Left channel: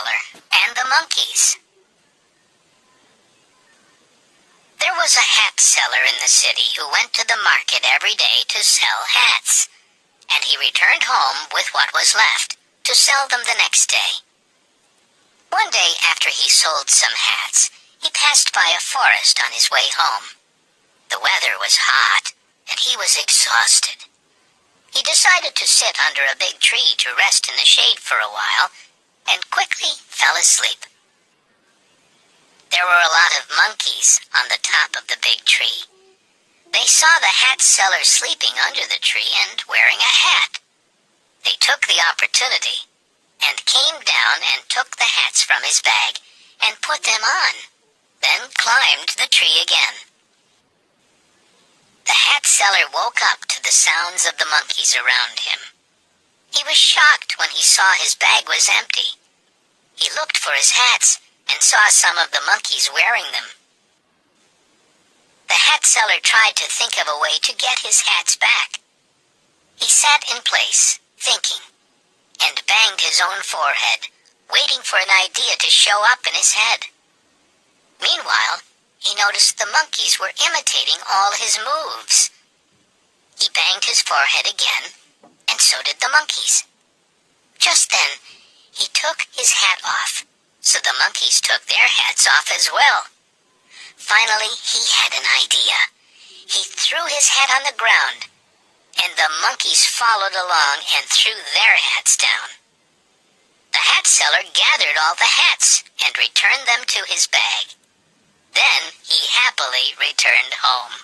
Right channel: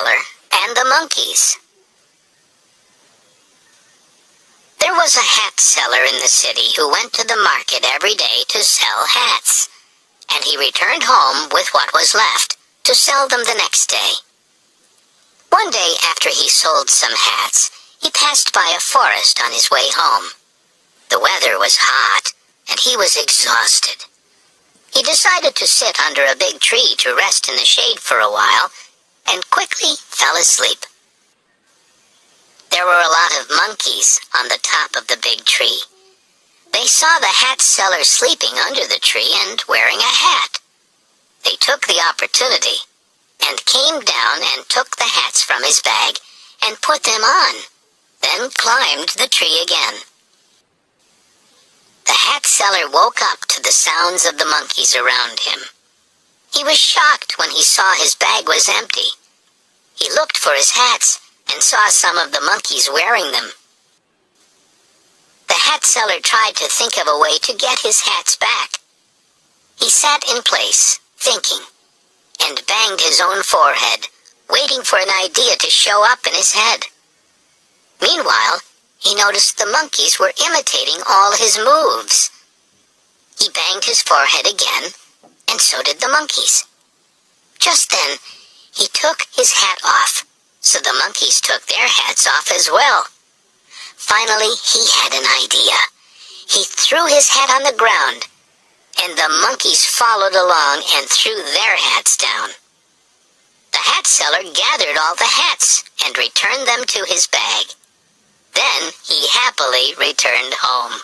seller and the monkeys. There was a hat seller in the city who went to the market every day to sell hats, and he returned home with what was left to sell them the next day. One day after he sold some hats, he passed by a forest on his way home. The weather was hot, and he was exhausted. He decided to sit under a big tree to rest in the shade for a while, and quickly fell asleep. There were a lot of monkeys on the top of the big tree. They saw the hat seller sleeping under the tree and wearing a hat. They took the opportunity and came down and took the hats from his bag and put them on, then climbed the tree again. The hat seller woke up to the sounds of the monkeys around him. He was shocked when he saw his bag was empty. He looked for his hats and saw some of the monkeys wearing them. The hat seller tried to think of a way to get his hats back. He sat in place, thinking, and banged his own forehead, waiting for an idea to show up in his head. Meanwhile, he noticed the monkeys were imitating all his moves. He banged his forehead again, and so did the monkeys. Just then, he took his hat off, so the monkeys took their hats off as well. Finally, he had an idea. He threw his hat on the ground, and the monkeys followed along and threw their hats down. The hat seller gathered all the hats and returned them to his bag. Then he happily returned home.